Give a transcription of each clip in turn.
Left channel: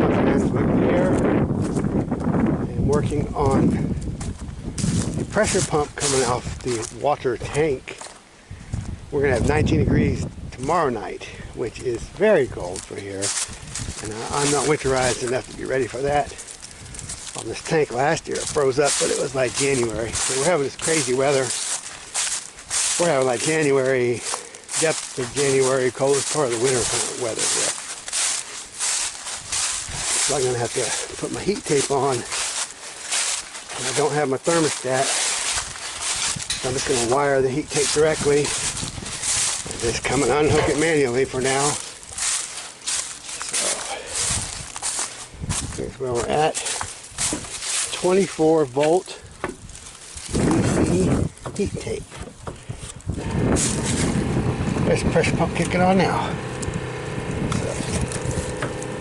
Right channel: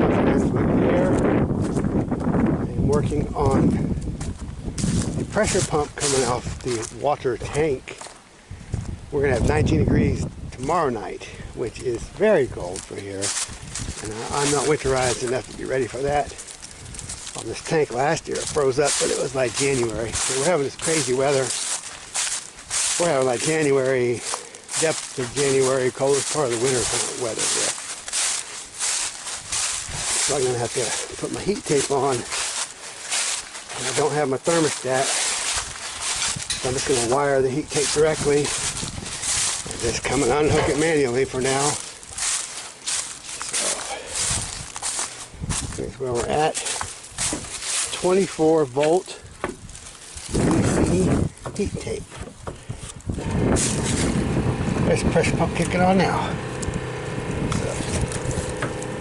I'm my friends with Pierre. I'm working on the pressure pump coming off the water tank. We're going to have 19 degrees tomorrow night, which is very cold for here. And I'm not winterized enough to be ready for that. On this tank last year, it froze up, but it was like January. So we're having this crazy weather. We're having like January, depth of January, coldest part of the winter kind of weather here. So I'm going to have to put my heat tape on. And I don't have my thermostat. So I'm just going to wire the heat tape directly. And just come and unhook it manually for now. So here's where we're at. 24 volt DC heat tape. There's the pressure pump kicking on now. So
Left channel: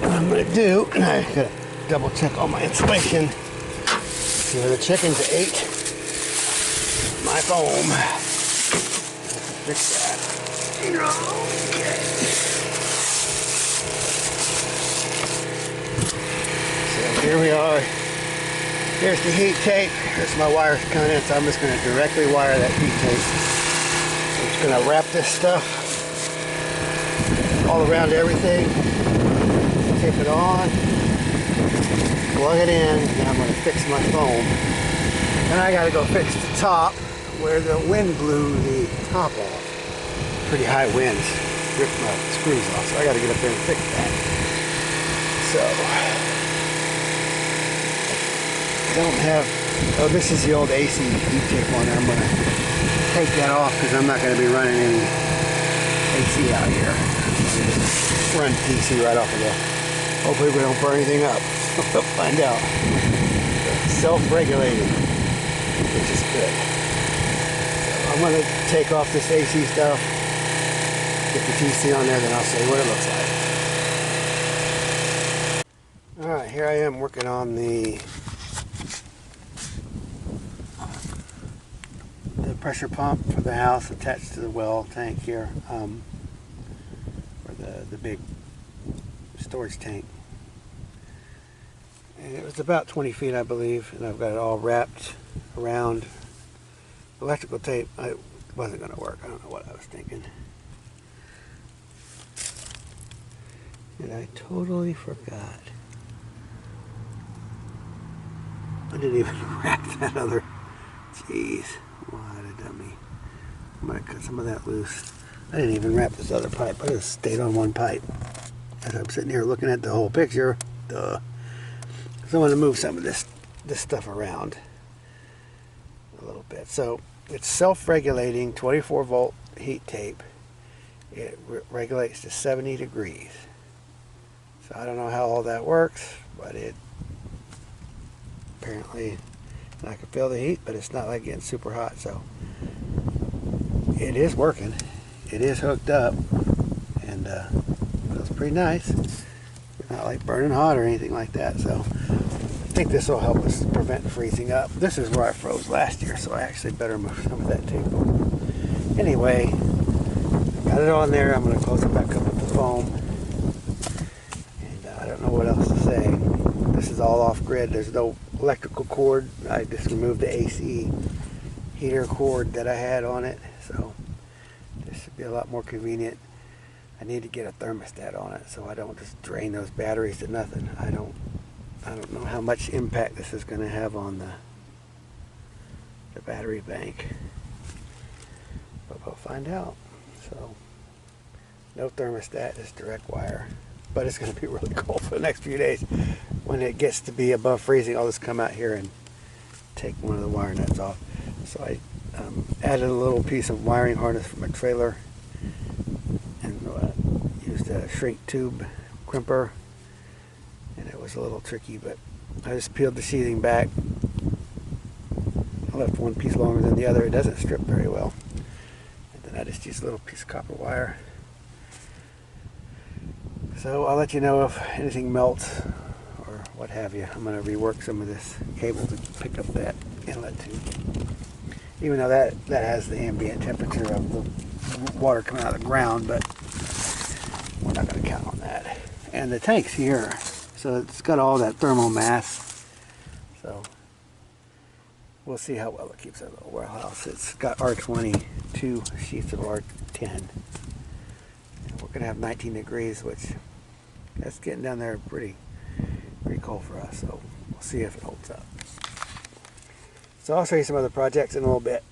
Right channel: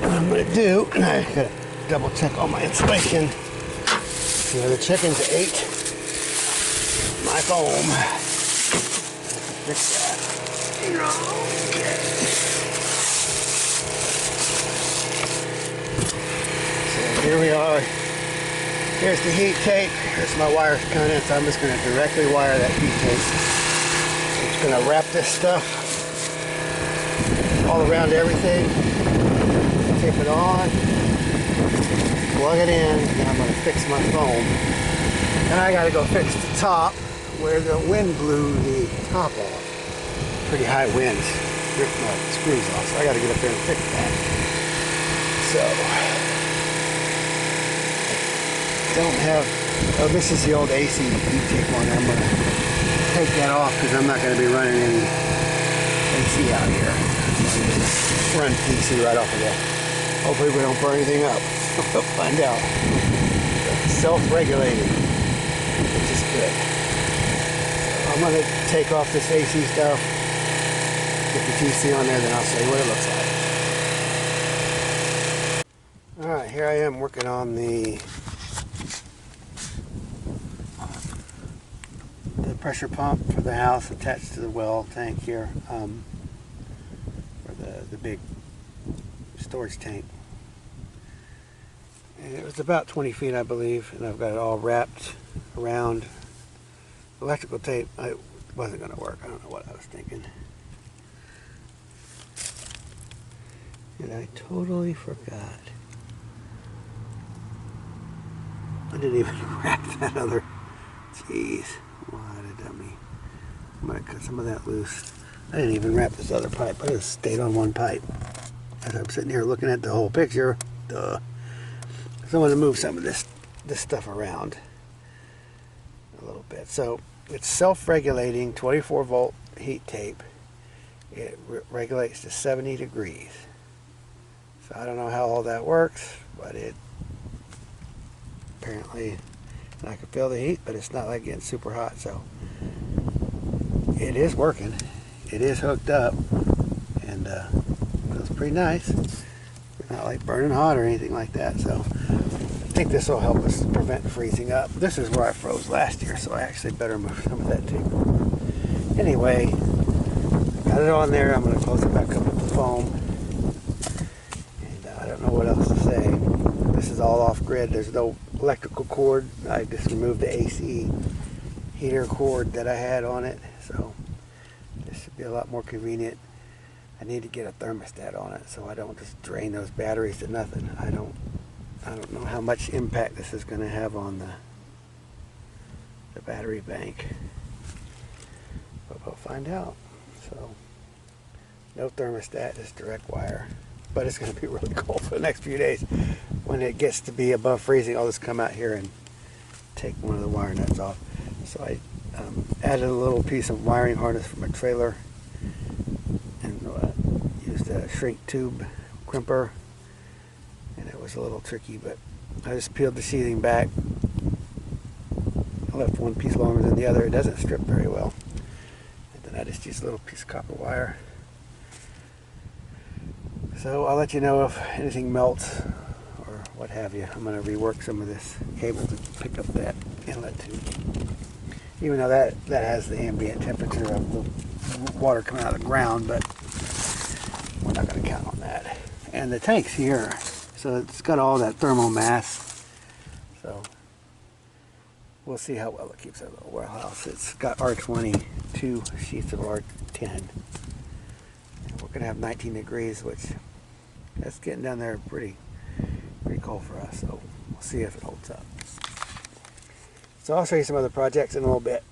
what I'm going to do, and I got to double check all my insulation. See where the chickens ate my foam. Fix that. Okay. So here we are. Here's the heat tape. Here's my wires coming in, so I'm just going to directly wire that heat tape. I'm just going to wrap this stuff all around everything. Tape it on. Plug it in. And then I'm going to fix my foam. Then I got to go fix the top where the wind blew the top off. Pretty high winds. Ripped my screws off, so I got to get up there and fix that. So don't have, oh, this is the old AC heat tape on there. I'm going to take that off because I'm not going to be running any AC out here. Run DC right off of there. Hopefully we don't burn anything up. We'll find out. Self-regulating, which is good. So I'm going to take off this AC stuff, get the TC on there, then I'll show you what it looks like. Alright, here I am working on the pressure pump for the house attached to the well tank here, or the big storage tank. And it was about 20 feet, I believe, and I've got it all wrapped around. Electrical tape, it wasn't going to work. I don't know what I was thinking. And I totally forgot. I didn't even wrap that other. Jeez. What a dummy. I'm going to cut some of that loose. I didn't even wrap this other pipe. I just stayed on one pipe. As I'm sitting here looking at the whole picture. Duh. So I'm going to move some of this stuff around a little bit. So it's self-regulating 24 volt heat tape. It regulates to 70 degrees. So I don't know how all that works, but it apparently, I can feel the heat, but it's not like getting super hot, so it is working. It is hooked up, and feels pretty nice. It's not like burning hot or anything like that, so I think this will help us prevent freezing up. This is where I froze last year, so I actually better move some of that tape over. Anyway, got it on there. I'm going to close it back up with the foam, and I don't know what else to say. This is all off grid. There's no electrical cord. I just removed the AC heater cord that I had on it, so this should be a lot more convenient. I need to get a thermostat on it so I don't just drain those batteries to nothing. I don't know how much impact this is going to have on the battery bank, but we'll find out. So no thermostat, just direct wire. But it's going to be really cold for the next few days. When it gets to be above freezing, I'll just come out here and take one of the wire nuts off. So I added a little piece of wiring harness from a trailer and used a shrink tube crimper. And it was a little tricky, but I just peeled the sheathing back. I left one piece longer than the other. It doesn't strip very well. And then I just used a little piece of copper wire. So I'll let you know if anything melts or what have you. I'm going to rework some of this cable to pick up that inlet tube. Even though that has the ambient temperature of the water coming out of the ground, but we're not going to count on that. And the tanks here So it's got all that thermal mass. So we'll see how well it keeps our little warehouse. It's got R22 sheets of R10. And we're gonna have 19 degrees, which that's getting down there pretty cold for us. So we'll see if it holds up. So I'll show you some other projects in a little bit.